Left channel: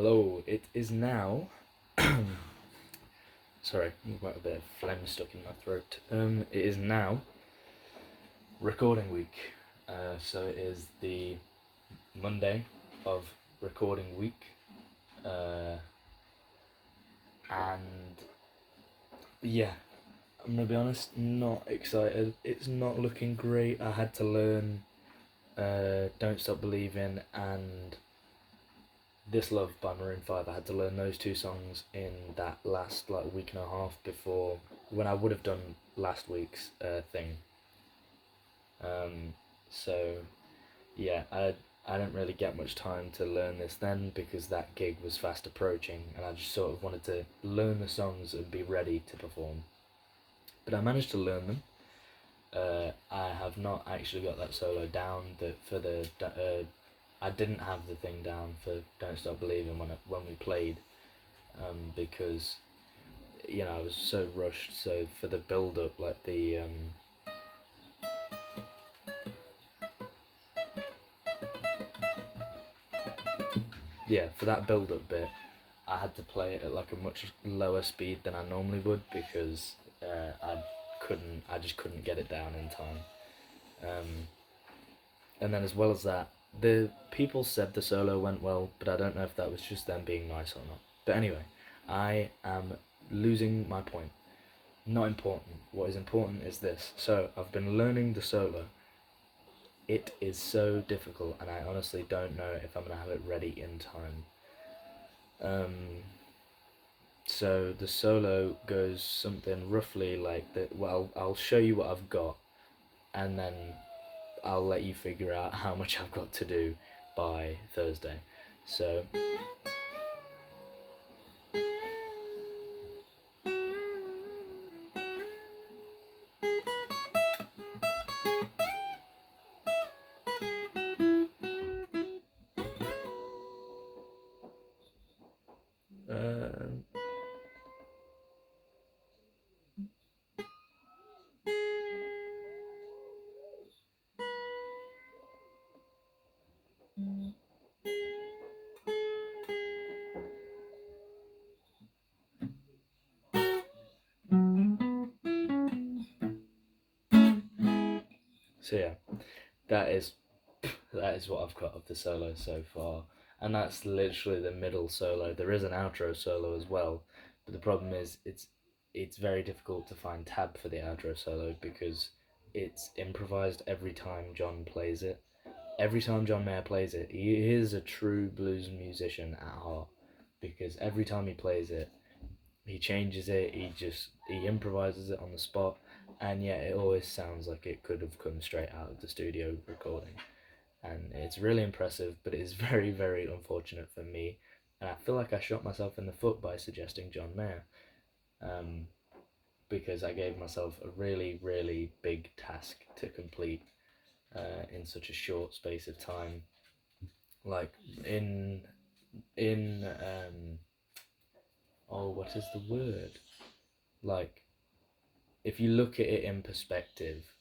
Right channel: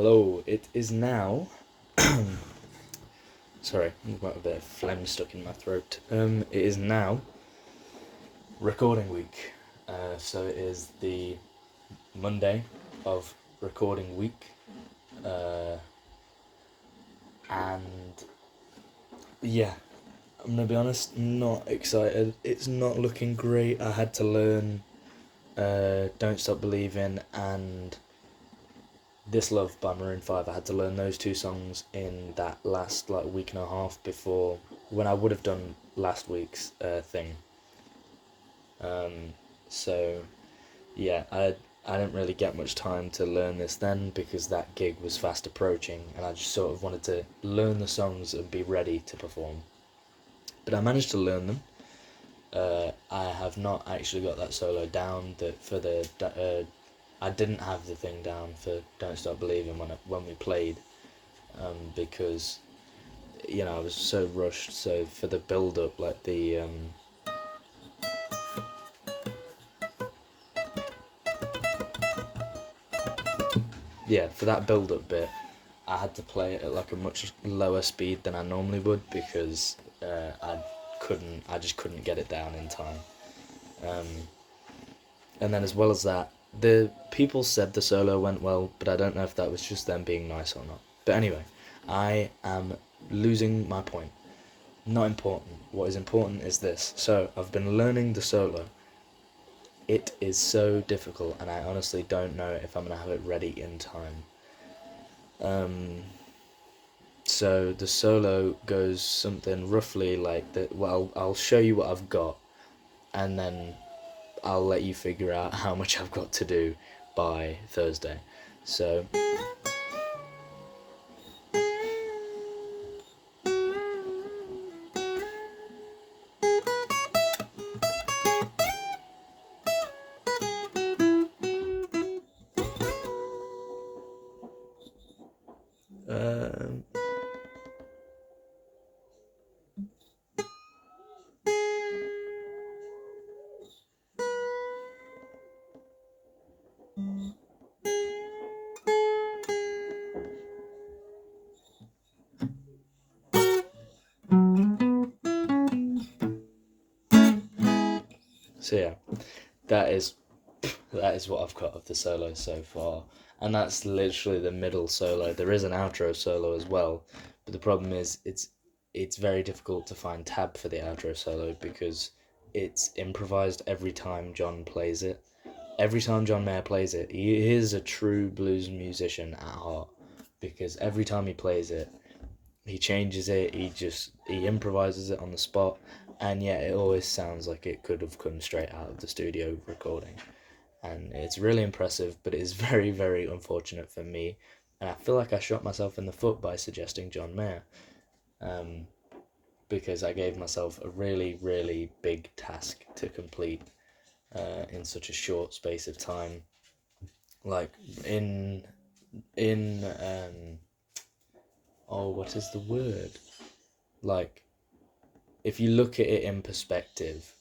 Hello, it is now. Sorry, I've got a bit of phlegm stuck in my throat. It is now recording week. So it is the Monday of recording week. And yeah, I'm gonna be honest, not excited. It's not looking great. I had to learn Don't Stop Believing and This Love by Maroon 5. I had to learn those two songs in that last week and a half before when I would have done last week's thing. So yeah, I didn't really get much time to learn this then because that gig was fast approaching and I just sort of wanted to learn the songs and be ready to perform. But I managed to learn them. I have not actually got that solo down. I didn't have the thing down for Don't Stop Believing when we played, because I was so rushed. So for the build up, for that build up bit, I had to play it at a much lower speed than I normally would because I just couldn't get it down in time. And then as well as that, the people said the solo went well, but I don't know if that was just them being nice or not. But anyway, I am losing my point. Not important. What is important is this. So I've been learning the solo. It is so difficult, and I honestly don't know if I'm gonna have it ready in time. So the solo goes something roughly like that. Well, I'll show you what I've got, and then I'll let you figure out how much I've got to do by Thursday. So um, so yeah, that is what I've got of the solo so far, and that's literally the middle solo. There is an outro solo as well, but the problem is it's very difficult to find tab for the outro solo because it's improvised every time John plays it. Every time John Mayer plays it, he is a true blues musician at heart because every time he plays it, he changes it, he improvises it on the spot, and yet it always sounds like it could have come straight out of the studio recording. And it's really impressive, but it is very, very unfortunate for me. And I feel like I shot myself in the foot by suggesting John Mayer, because I gave myself a really, really big task to complete in such a short space of time. Like in what is the word? Like, if you look at it in perspective,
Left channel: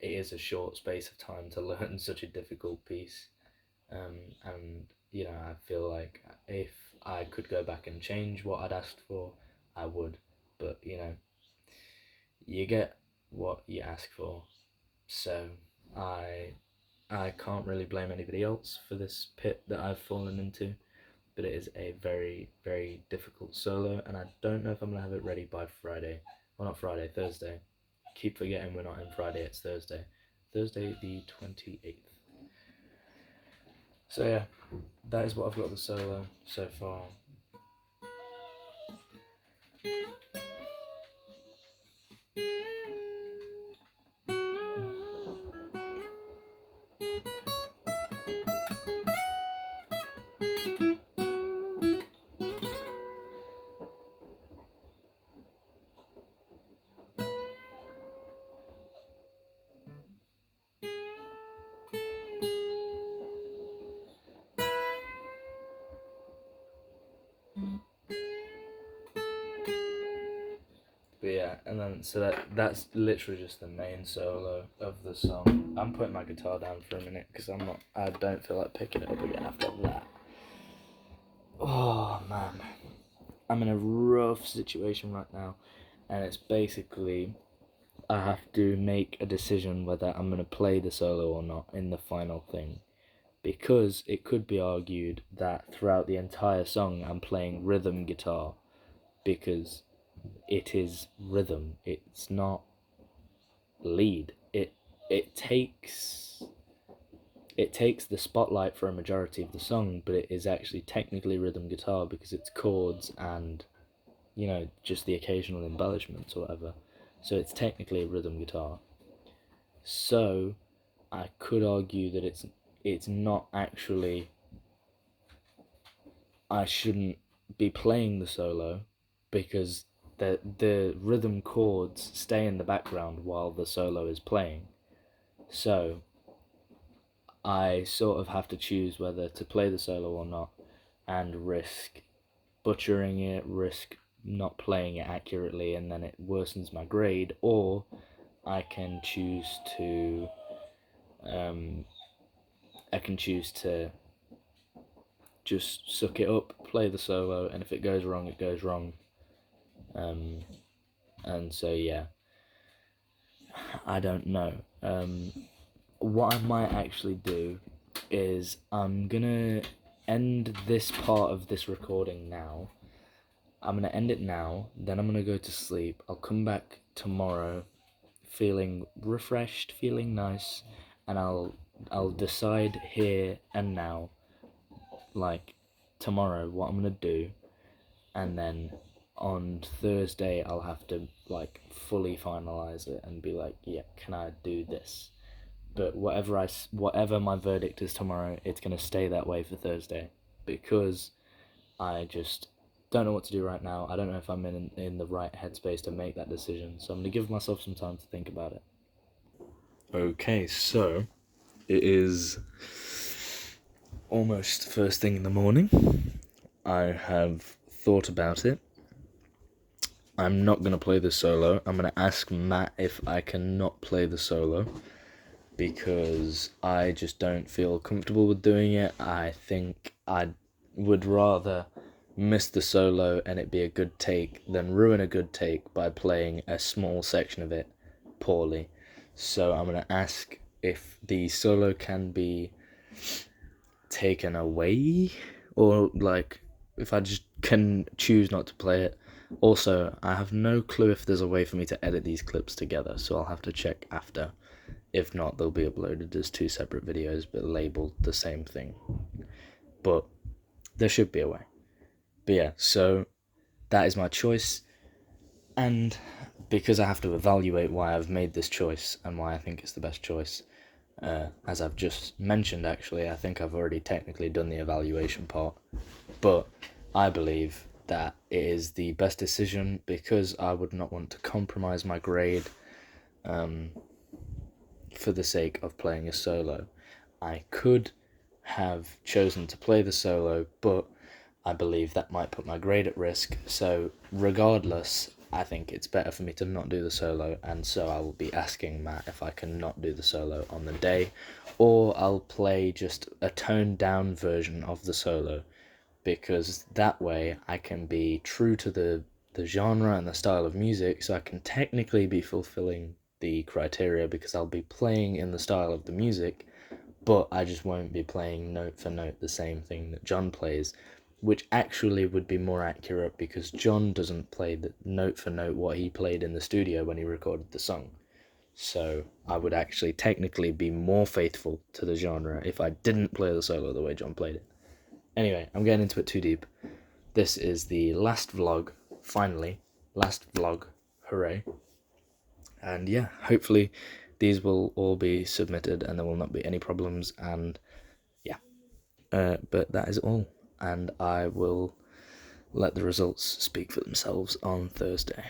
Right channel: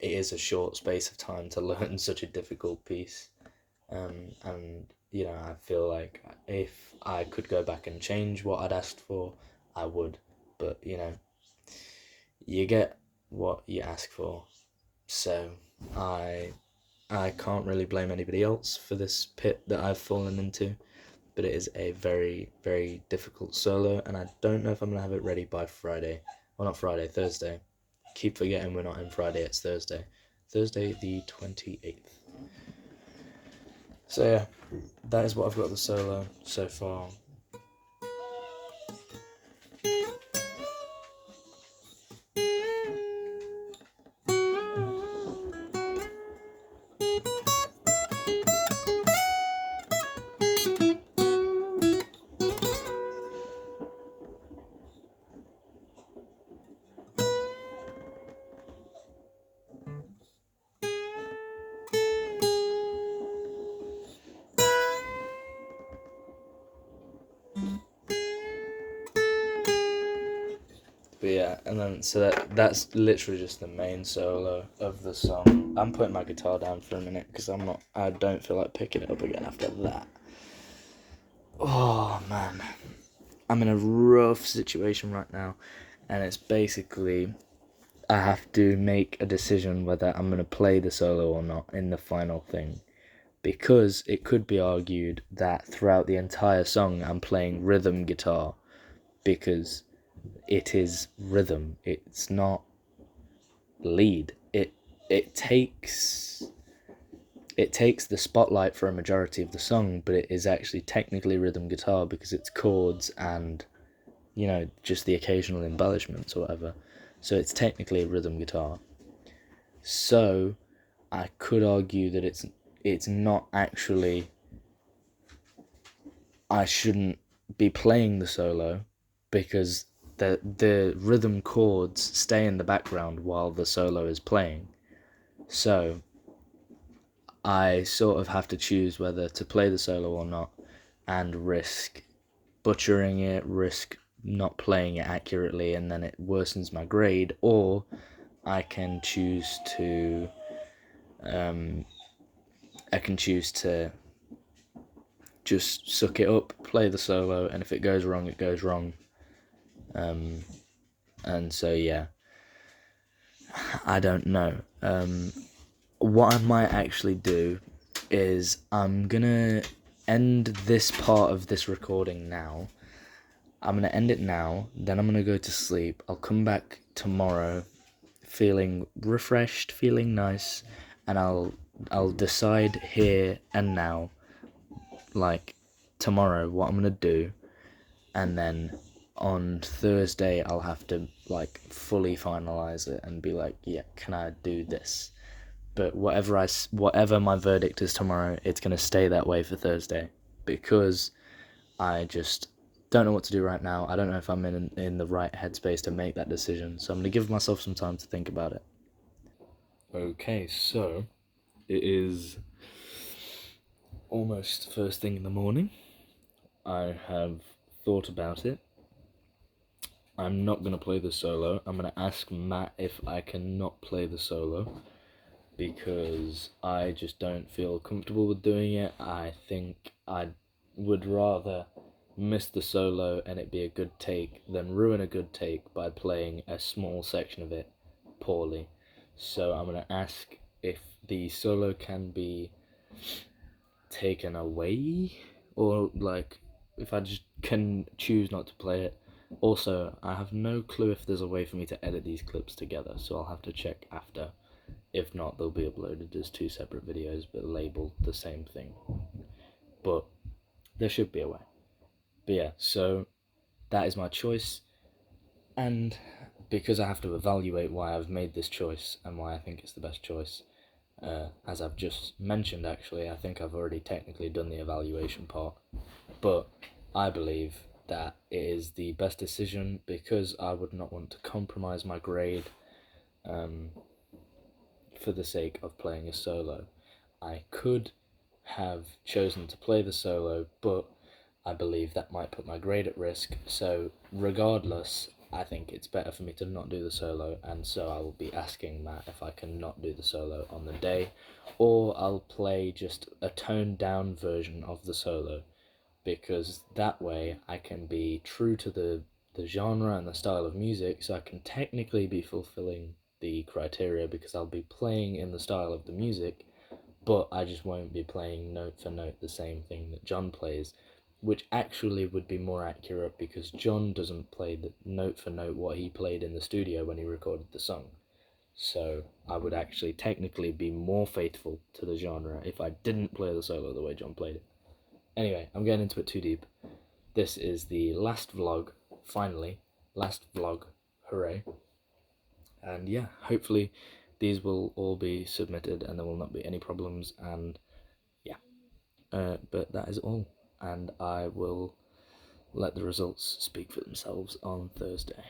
it is a short space of time to learn such a difficult piece. And I feel like if I could go back and change what I'd asked for, I would. But you get what you ask for. So I can't really blame anybody else for this pit that I've fallen into. But it is a very, very difficult solo, and I don't know if I'm gonna have it ready by Friday. Well, not Friday, Thursday. Keep forgetting we're not in Friday, it's Thursday. Thursday the 28th. So yeah, that is what I've got the solo so far. But yeah, and then so that's literally just the main solo of the song. I'm putting my guitar down for a minute because I don't feel like picking it up again after that. I'm in a rough situation right now, and it's basically I have to make a decision whether I'm gonna play the solo or not in the final thing, because it could be argued that throughout the entire song I'm playing rhythm guitar, because it is rhythm. It's not lead. It takes the spotlight for a majority of the song, but it is actually technically rhythm guitar because it's chords and, just the occasional embellishments or whatever. So it's technically a rhythm guitar. So I could argue that it's not actually, I shouldn't be playing the solo because the rhythm chords stay in the background while the solo is playing. So I sort of have to choose whether to play the solo or not, and risk butchering it, risk not playing it accurately, and then it worsens my grade, or I can choose to um, just suck it up, play the solo, and if it goes wrong, it goes wrong. And so yeah, I don't know. What I might actually do is I'm gonna end this part of this recording now. I'm gonna end it now, then I'm gonna go to sleep. I'll come back tomorrow feeling refreshed, feeling nice, and I'll decide here and now, like tomorrow, what I'm gonna do, and then on Thursday I'll have to like fully finalize it and be like, yeah, can I do this? But whatever my verdict is tomorrow, it's gonna stay that way for Thursday, because I just don't know what to do right now. I don't know if I'm in the right headspace to make that decision, so I'm gonna give myself some time to think about it. Okay, so it is almost first thing in the morning. I have thought about it. I'm not gonna play the solo. I'm gonna ask Matt if I can not play the solo, because I just don't feel comfortable with doing it. I think I would rather miss the solo and it be a good take than ruin a good take by playing a small section of it poorly. So I'm going to ask if the solo can be taken away, or like if I just can choose not to play it. Also, I have no clue if there's a way for me to edit these clips together, so I'll have to check after. If not, they'll be uploaded as two separate videos but labeled the same thing. But there should be a way. But yeah, so that is my choice, and because I have to evaluate why I've made this choice and why I think it's the best choice, as I've just mentioned, actually, I think I've already technically done the evaluation part, but I believe that it is the best decision because I would not want to compromise my grade for the sake of playing a solo. I could have chosen to play the solo, but I believe that might put my grade at risk, so regardless, I think it's better for me to not do the solo, and so I will be asking Matt if I can not do the solo on the day, or I'll play just a toned down version of the solo, because that way I can be true to the genre and the style of music, so I can technically be fulfilling the criteria because I'll be playing in the style of the music, but I just won't be playing note for note the same thing that John plays, which actually would be more accurate because John doesn't play the note for note what he played in the studio when he recorded the song. So I would actually technically be more faithful to the genre if I didn't play the solo the way John played it. Anyway, I'm getting into it too deep. This is the last vlog, finally. Last vlog, hooray. And yeah, hopefully these will all be submitted and there will not be any problems, and yeah. But that is all, and I will let the results speak for themselves on Thursday.